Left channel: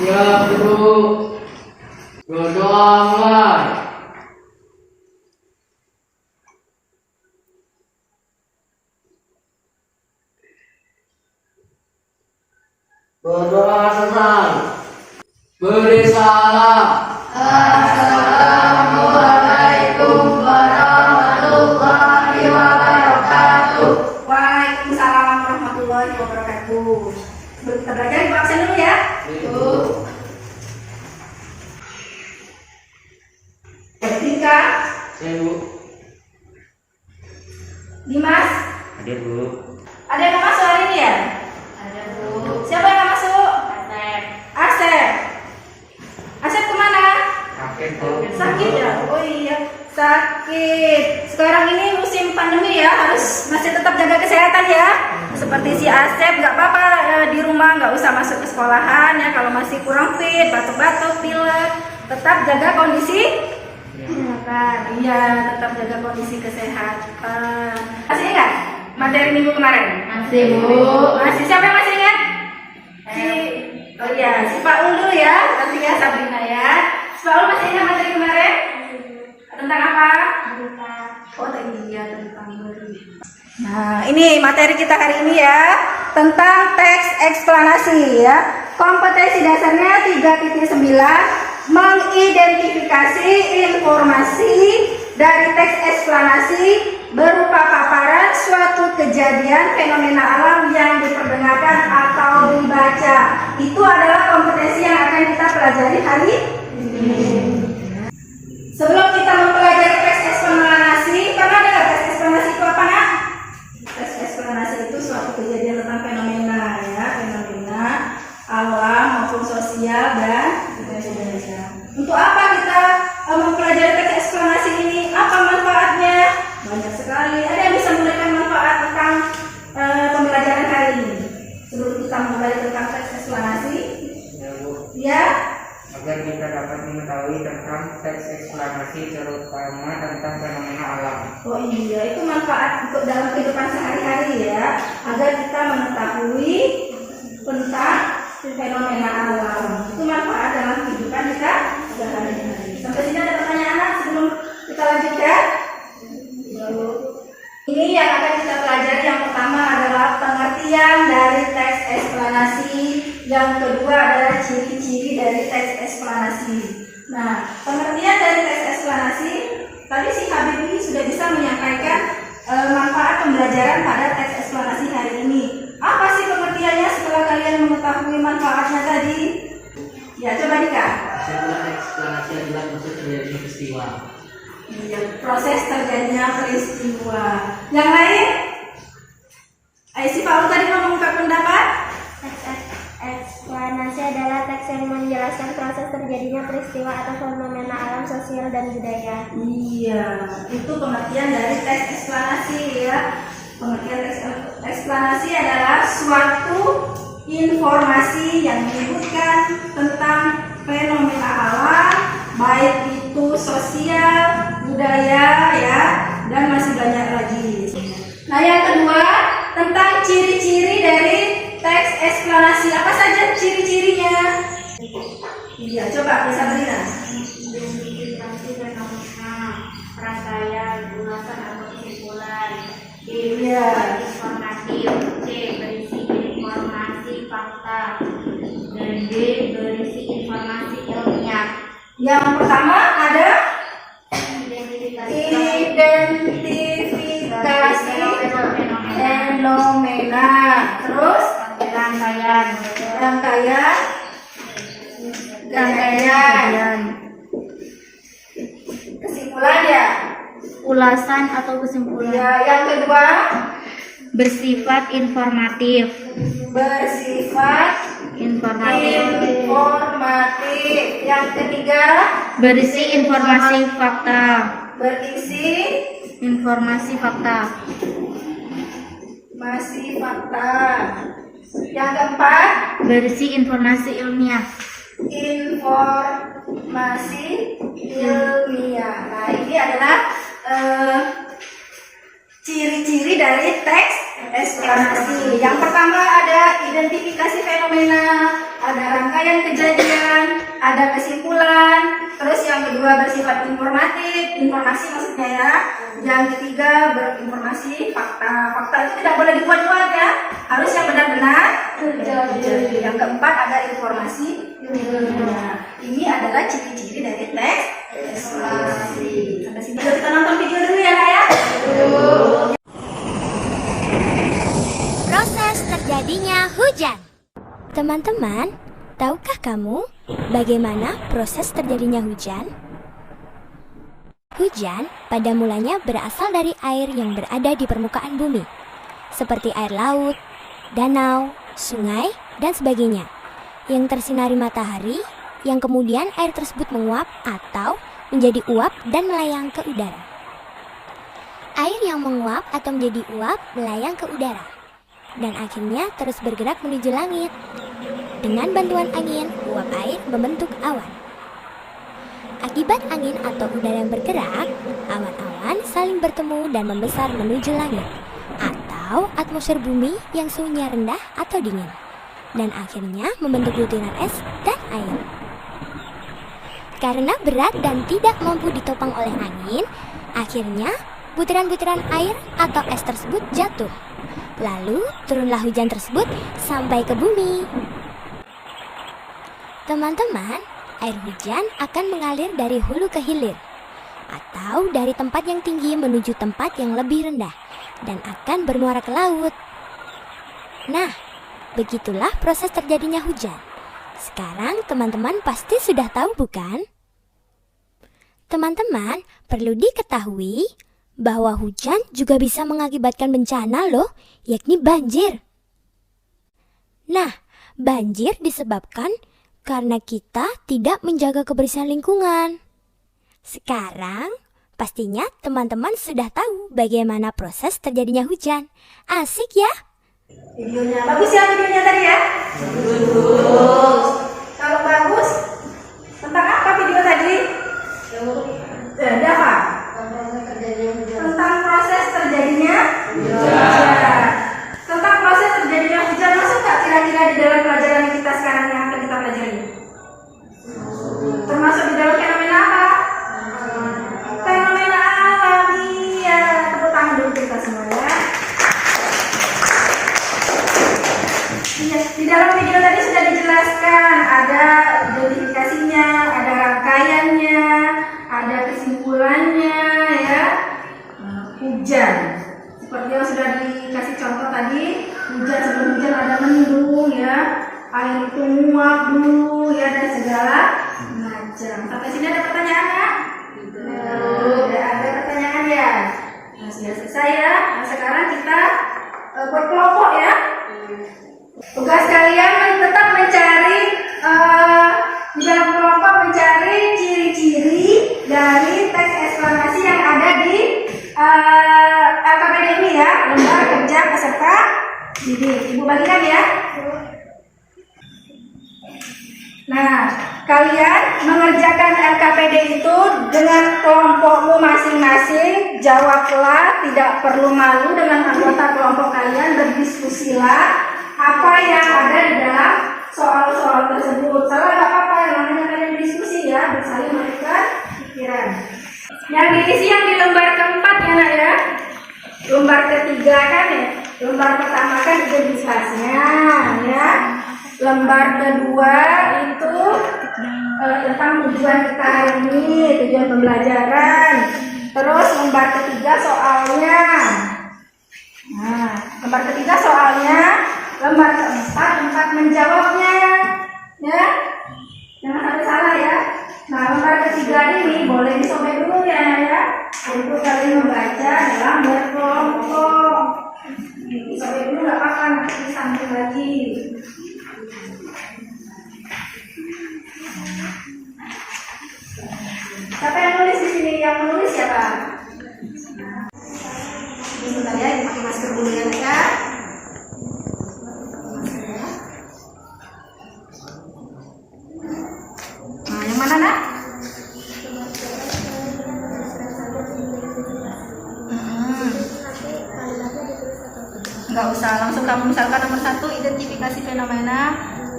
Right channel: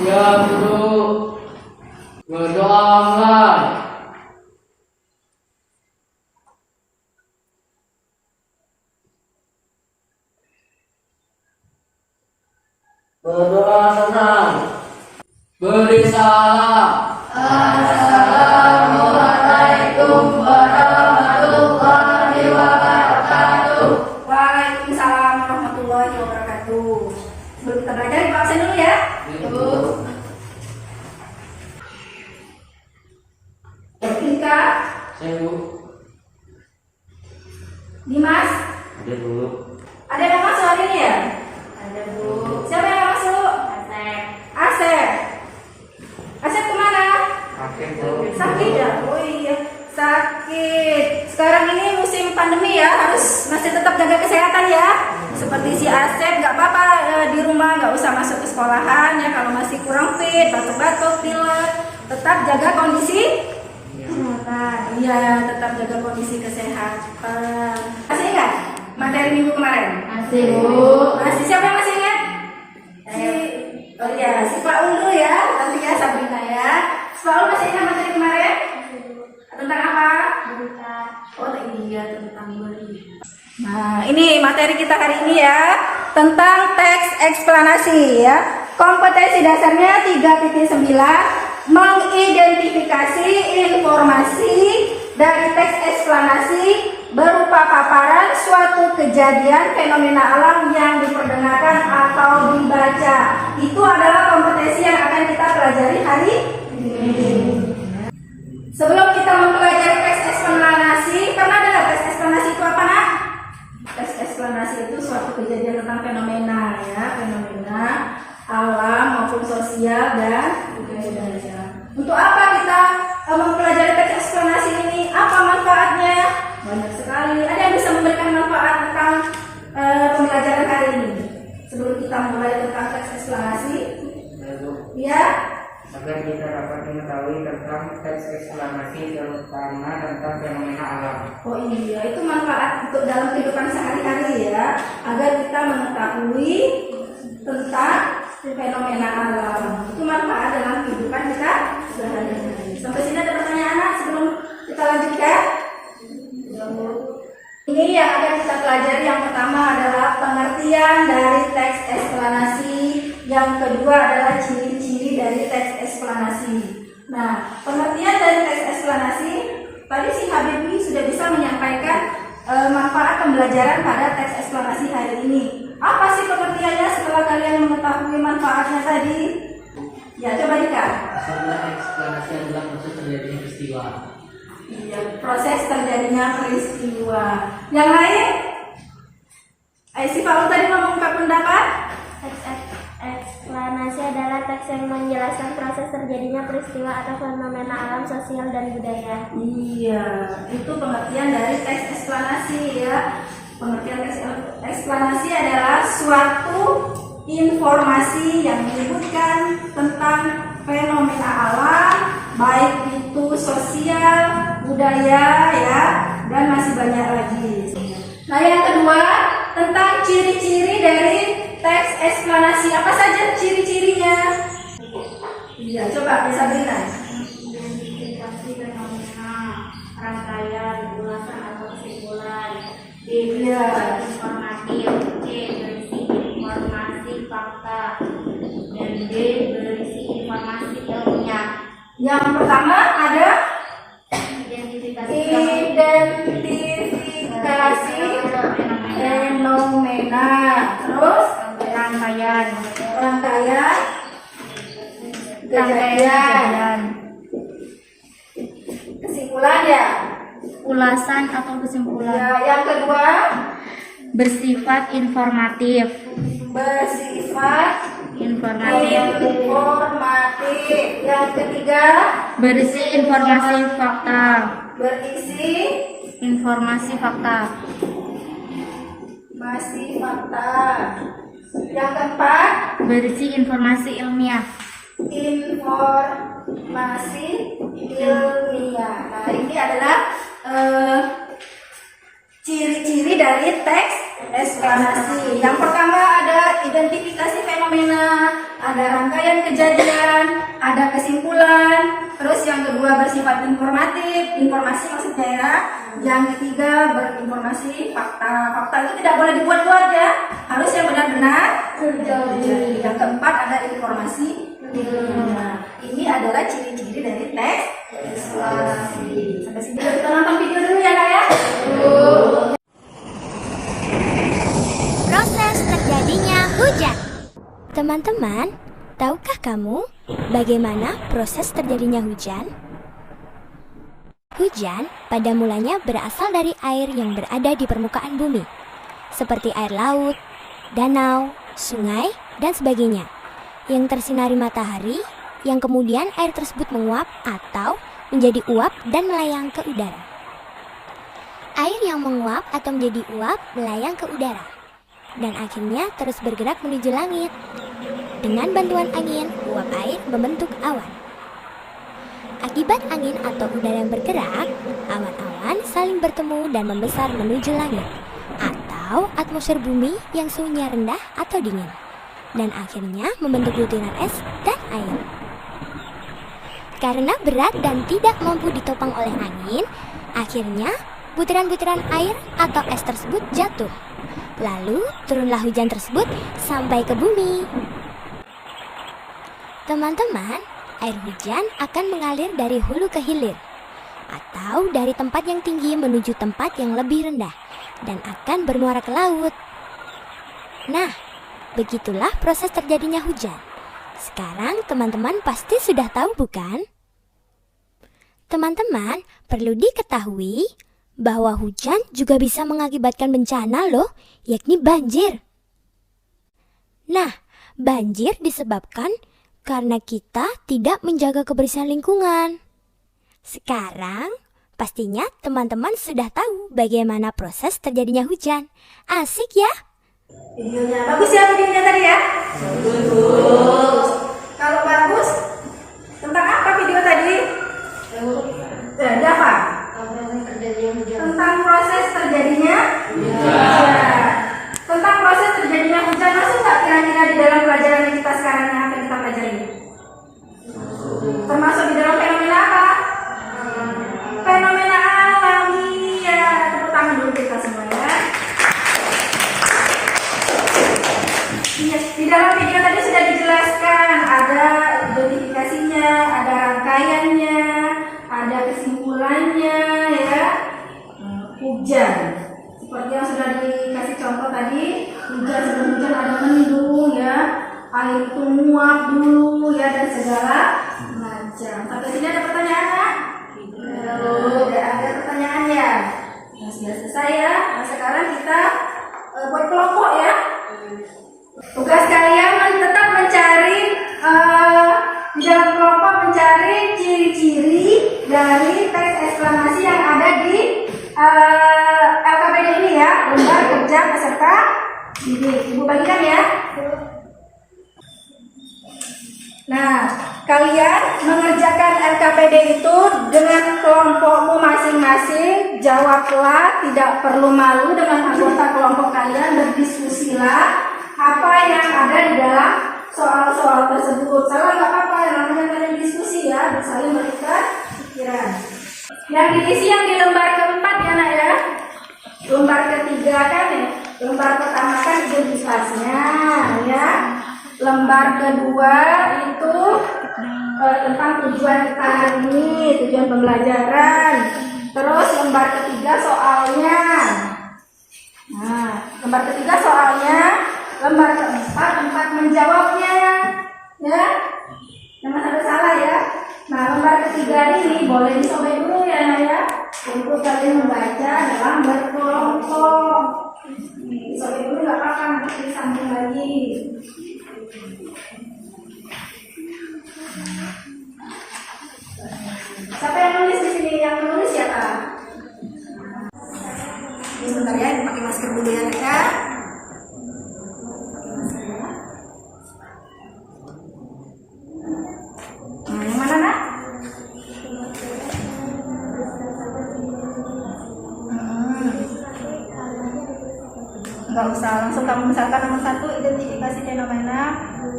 Siap guru. Berdoa mulai. Berdoa selesai. Beri salam. Assalamualaikum warahmatullahi wabarakatuh. Waalaikumsalam warahmatullahi wabarakatuh. Sebelum kita belajar, kita absen dulu ya. Tika, Saya bu. Dimas, Ada bu. ada yang mau masuk hari ini ya? Ada bu. Siapa yang mau masuk? Asep. Asep. Asep kemana? Sakit bu. Sakit ya? Oh iya, sakit. Sekarang ini musim pandemi ya, harus masih tetap jaga kesehatan ya. Seperti si Asep, nggak apa-apa di rumah, nggak usah masuk ke sekolahan ya. Kalau masih kurang fit, batuk-batuk, pilek, tetap jaga kondisi kesehatan. Iya, tetap jaga kondisi kesehatan. Masih ingat materi minggu kemarin? Masih bu. Masih, siapa yang masih ingat? Oh iya, si Pak Ulu ya, nanti ya Sabrina ya. Si Pak Ulu masih ingat materi kemarin? Tentang apa? Berita. Oh iya, tentang berita. Nah, ini materi kita hari ini ya, tentang teks eksplanasi ya. Kompetensi dasarnya 3.9, mengidentifikasi informasi dari teks eksplanasi berupa paparan suatu kejadian fenomena alam yang diperdengarkan atau dibaca. Itu adalah kompetensi yang akan kita pelajari hari ini. Sebelum kita mempelajari teks eksplanasi, pernah dengar teks eksplanasi itu apa nak? Teks eksplanasi itu suatu kejadian tentang fenomena ya, fenomena alam maupun sosial dan budaya. Untuk apa kita mempelajari teks eksplanasi ini? Apa manfaatnya? Banyak sekali. Ada yang bisa memberikan manfaat tentang pembelajaran hari ini? Sebelum kita mulai tentang teks eksplanasi, Ya bu. ya. Agar kita dapat mengetahui tentang teks eksplanasi terutama tentang fenomena alam. Oh iya, itu manfaat untuk dalam kehidupan sehari-hari ya, agar kita mengetahui tentang fenomena alam. Itu manfaat dalam kehidupan kita sehari-hari. Sampai sini ada pertanyaan anak sebelum kita lanjutkan? Ini yang akan kita pelajari, yang pertama adalah pengertian dari teks eksplanasi, yang kedua adalah ciri-ciri dari teks eksplanasi. Nah, pengertian dari teks eksplanasi, tadi si Habibie sudah bisa menyampaikan manfaat pembelajaran pada teks eksplanasi hari ini. Apa sih pengertiannya setelah kalian mengetahui manfaatnya tadi? Ya, coba Dika. Sebuah eksplanasi adalah proses terjadinya peristiwa. Iya, proses terjadinya peristiwa. Yang lain? Si Pak U tadi mau mengungkap pendapat? Teks eksplanasi adalah teks yang menjelaskan proses terjadinya peristiwa atau fenomena alam, sosial, dan budaya. Iya, itu pengertian dari teks eksplanasi ya. Pengertian teks eksplanasi adalah suatu informasi yang menyebutkan tentang fenomena alam, baik itu sosial, budaya ya, dan masih banyak lagi. Nah, yang kedua tentang ciri-ciri dari teks eksplanasi. Apa saja ciri-cirinya? Iya, coba bisa berikan. Identifikasi fenomena, rangkaian, ulasan atau kesimpulan. Iya. Informatif. C. Berisi informasi fakta. Dan D. Berisi informasi ilmiah. Yang pertama ada Identifikasi fenomena. Terus rangkaian rangkaian kejadian. Kesimpulan ya. ulasan atau kesimpulan. Ya, yang kedua Bersifat informatif. bersifat Informatif. informatif. Yang ketiga Berisi informasi fakta. berisi Informasi fakta. masih fakta. Yang keempat Berisi informasi ilmiah. informasi ilmiah. Nah, ini adalah ciri-ciri dari teks eksplanasi. Yang pertama ada identifikasi fenomena. ada rangkaian kejadian, ada kesimpulan. Terus yang kedua bersifat informatif, informasi maksudnya ya. Yang ketiga berinformasi fakta. Fakta itu tidak boleh dibuat-buat ya, harus yang benar-benar terjadi. Yang keempat ada informasi ilmiah. Ini adalah ciri-ciri dari teks eksplanasi. Sampai sini kita nonton video dulu ya Kak ya. Proses terjadinya hujan. Teman-teman, tahukah kamu bagaimana proses terjadinya hujan? Hujan pada mulanya berasal dari air yang berada di permukaan bumi, seperti air laut, danau, sungai, dan sebagainya, yang tersinari matahari, yang kemudian air tersebut menguap atau menjadi uap dan melayang ke udara. Air yang menguap atau menjadi uap melayang ke udara, dan akhirnya terus bergerak menuju langit. Dengan bantuan angin, uap air membentuk awan. Akibat angin atau udara yang bergerak, awan-awan saling bertemu dan membesar menuju langit atau atmosfer bumi yang suhunya rendah atau dingin, dan akhirnya membentuk butiran es dan air. Karena berat dan tidak mampu ditopang oleh angin, akhirnya butiran-butiran air atau es tersebut jatuh. Lalu turunlah hujan tersebut sampai ke bumi. Teman-teman, air hujan akan mengalir dari hulu ke hilir, atau dari tempat yang tinggi menuju tempat yang lebih rendah, dan akan bermuara ke laut. Nah, begitulah proses terjadinya hujan. Sekarang teman-teman pasti sudah tahu bukan? Teman-teman, perlu diketahui bahwa hujan juga bisa mengakibatkan bencana loh, yakni banjir. Nah, banjir disebabkan karena kita tidak menjaga kebersihan lingkungan. Sekarang, pastinya teman-teman sudah tahu bagaimana proses terjadinya hujan. Asik ya? Videonya bagus ya, videonya tadi ya? Bagus. Kalau bagus, tentang apa video tadi? Ada apa? Tentang proses terjadinya hujan. Tentang proses terjadinya hujan, masuk nggak kira-kira di dalam pelajaran yang kita sekarang yang akan kita pelajari? Termasuk di dalam fenomena apa? Fenomena alamiah. Tepuk tangan dulu kita semua ya. Di dalam video tadi sudah dijelaskan, ada identifikasinya, ada rangkaiannya, ada kesimpulannya ya. Hujan. Seperti yang sudah dikasih contoh tadi, hujan sebelum hujan ada mendung ya, air itu menguap dulu ya, dan segala macam. Sampai sini ada pertanyaan nggak? Tidak ada pertanyaan ya. Nah, sudah selesai ya. Nah, sekarang kita buat kelompok ya. Tugas kalian tetap mencari di dalam kelompok, mencari ciri-ciri dari teks eksplanasi yang ada di LKPD ini ya, lembar kerja peserta didik. Ibu bagikan ya. Nah, kalian mengerjakan LKPD itu dengan kelompokmu masing-masing. Jawablah, tidak perlu malu dengan anggota kelompok kalian. Berdiskusilah apa yang ada di dalam soal-soal tersebut. Salah nggak apa-apa, namanya kalian diskusi ya, saling memberikan pikiran. Yang diisi yang di lembar keempat ya nak ya. Lembar ketiga kan ya. Lembar pertama kan identitasnya ya. Lembar kedua itu tentang tujuan kita hari ini, tujuan pembelajaran. Terus lembar ketiga soalnya. Nah, lembar ketiga soalnya. Lembar keempat tempat menjawabnya ya. Jangan sampai salah ya. Nah, lembar ketiga ini boleh disobek dulu ya, untuk kalian membaca dalam berkelompok. Disobek dulu nggak apa-apa, nanti disambung lagi. Siapa yang nulis di sini? Yang menulis siapa? Sebentar ya, dipakai masker dulu ya mereka. Nah, yang mana nak? Nggak usah, langsung kamu misalkan nomor 1 identifikasi fenomena,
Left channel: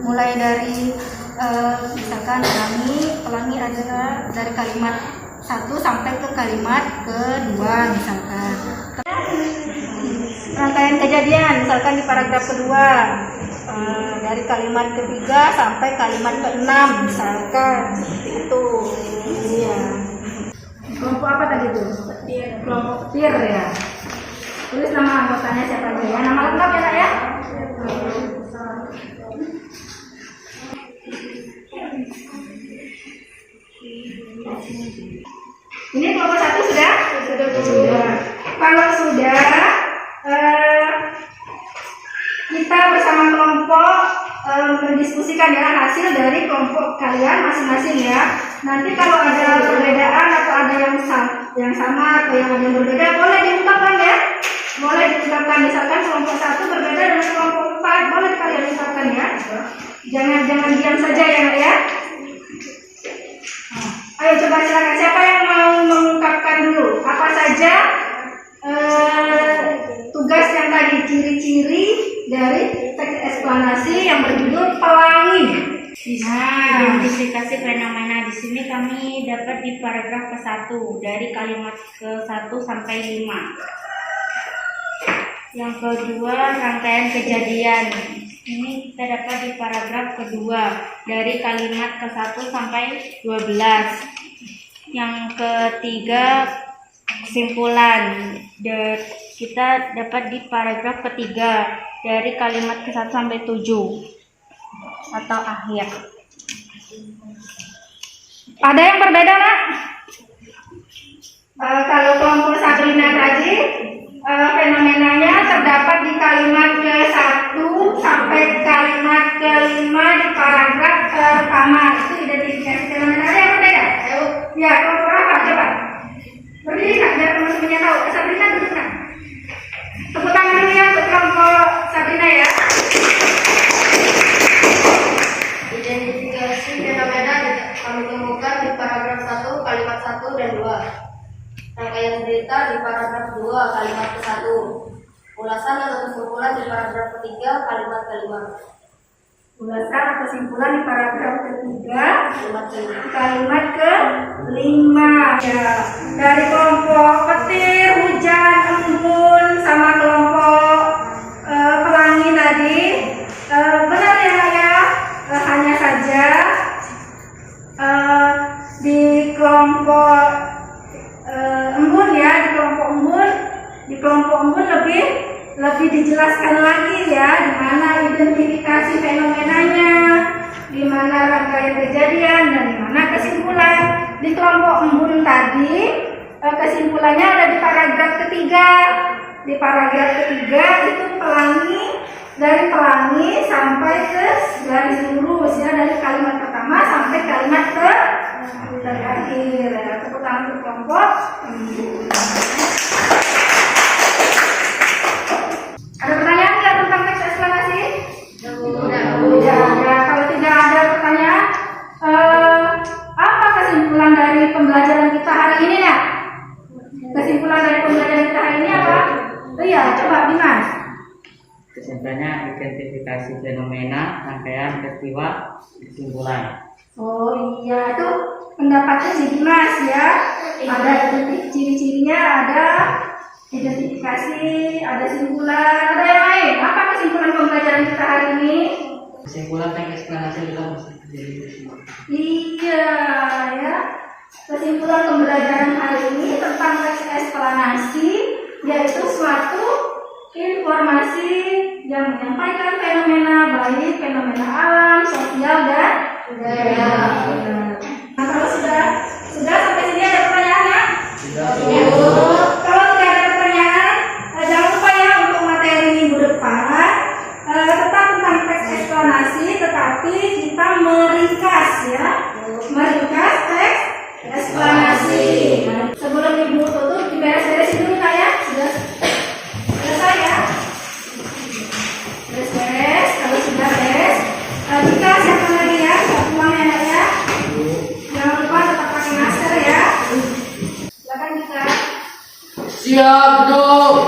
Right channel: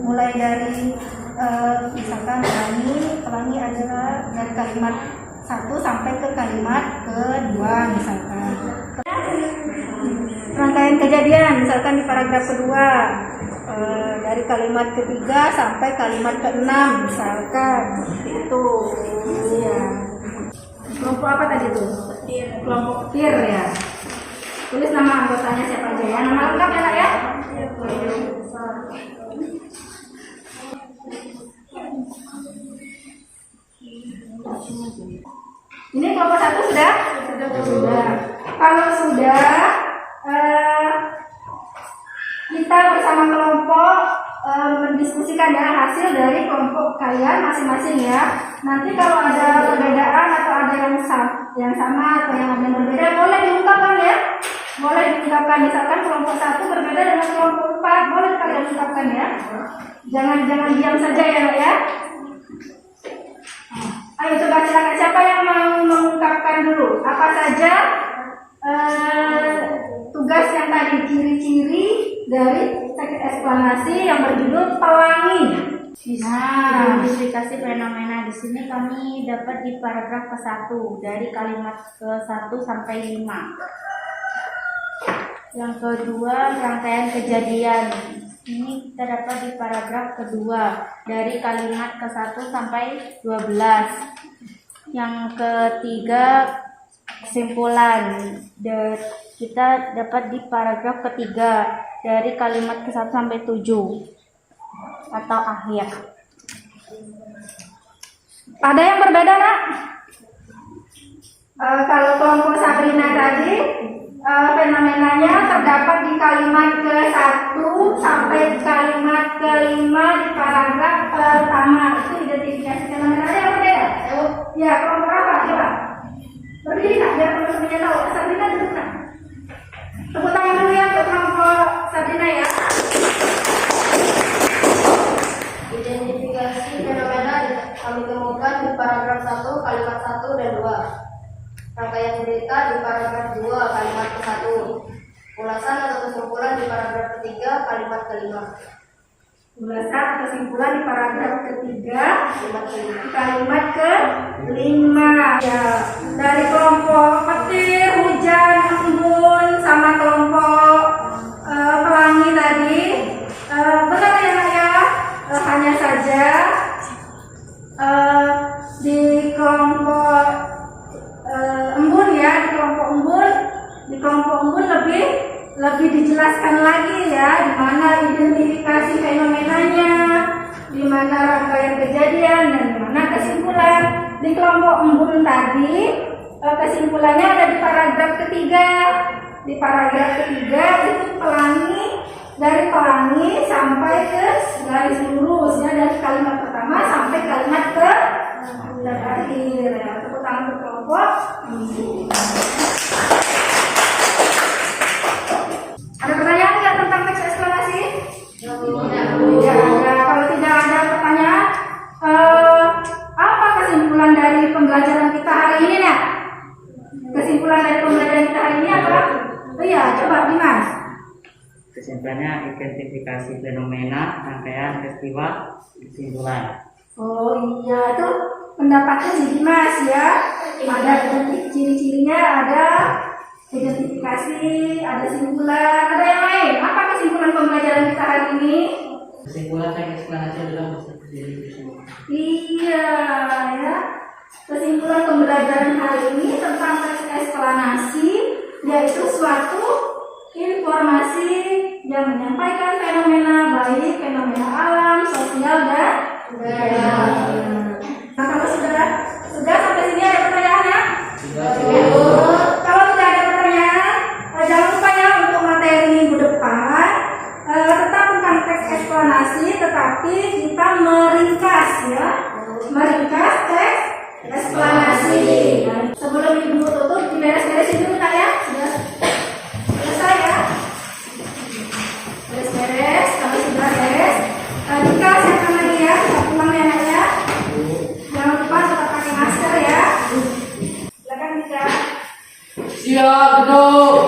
mulai dari misalkan pelangi adalah dari kalimat 1 sampai ke kalimat kedua misalkan. Rangkaian kejadian misalkan di paragraf kedua dari kalimat ketiga sampai kalimat ke-6 misalkan seperti itu. Ya. Kelompok apa tadi tuh? Petir. Kelompok petir ya. Tulis nama anggotanya siapa aja ya. Nama lengkap ya Nak ya. Ini kelompok 1 sudah? Sudah. Kalau sudah, kita bersama kelompok mendiskusikan ya hasil dari kelompok kalian masing-masing ya. Nanti kalau ada perbedaan atau ada yang sama atau yang ada yang berbeda, boleh diungkapkan ya. Boleh diungkapkan, misalkan kelompok 1 berbeda dengan kelompok 4, boleh kalian ungkapkan ya. Jangan diam saja ya Nak ya. Ayo coba silakan, siapa yang mau mengungkapkan dulu apa saja tugas yang tadi, ciri-ciri dari teks eksplanasi yang berjudul pelangi. Identifikasi fenomena di sini kami dapat di paragraf ke-1 dari kalimat ke-1 sampai 5. Yang kedua, rangkaian kejadian. Ini kita dapat di paragraf kedua dari kalimat ke-1 sampai 12. Yang ketiga, kesimpulan. Kita dapat di paragraf ketiga dari kalimat ke-1 sampai 7 atau akhir. Ada yang berbeda Nak? Kalau kelompok Sabrina tadi fenomenanya terdapat di kalimat ke-1 sampai kalimat ke-5 di paragraf pertama. Itu identifikasi fenomena. Ada yang berbeda? Ya, kelompok apa? Coba berdiri Nak, biar teman-temannya tahu. Sabrina duduk Nak. Tepuk tangan dulu ya untuk kelompok Sabrina ya. Identifikasi fenomena kami temukan di paragraf 1 kalimat 1 dan 2. Rangkaian cerita di paragraf 2 kalimat ke-1. Ulasan atau kesimpulan di paragraf ketiga kalimat ke-5. Ulasan atau kesimpulan di paragraf ketiga Kalimat ke-5. kalimat ke-5 ya. Dari kelompok petir, hujan, embun sama kelompok pelangi tadi benar ya Nak ya. Hanya saja di kelompok embun ya, di kelompok embun lebih dijelaskan lagi ya, di mana identifikasi fenomenanya, di mana rangkaian kejadian, dan di mana kesimpulan. Di kelompok embun tadi kesimpulannya ada di paragraf ketiga. Di paragraf ketiga itu pelangi, dari pelangi sampai ke garis lurus ya, dari kalimat pertama sampai kalimat terakhir. Tepuk tangan untuk kelompok embun. Ada pertanyaan nggak tentang teks eksplanasi? Tidak ada. Kalau tidak ada pertanyaan, apa kesimpulan dari pembelajaran kita hari ini Nak? Kesimpulan dari pembelajaran kita hari ini apa? Oh iya, coba Dimas. Kesimpulannya identifikasi fenomena, rangkaian peristiwa, kesimpulan. Oh iya, itu pendapatnya si Dimas ya. Ada ciri-cirinya, ada identifikasi, ada kesimpulan, ada yang lain. Apa kesimpulan pembelajaran kita hari ini? Kesimpulan teks eksplanasi adalah mesti terjadi peristiwa. Iya ya. Kesimpulan pembelajaran hari ini tentang teks eksplanasi yaitu suatu informasi yang menyampaikan fenomena baik fenomena alam, sosial dan budaya. Nah, kalau sudah sampai sini ada pertanyaan ya? Ya. Kalau tidak ada pertanyaan, jangan lupa ya untuk materi minggu depan tetap tentang teks eksplanasi, tetapi kita meringkas ya, meringkas teks eksplanasi. Nah, sebelum ibu tutup, diberes-beresin dulu Kak ya. Sudah selesai ya? Beres-beres. Kalau sudah beres, kita siapkan lagi ya, kita pulang ya Nak ya. Jangan lupa tetap pakai masker ya. Silakan Dika. Siap, duduk.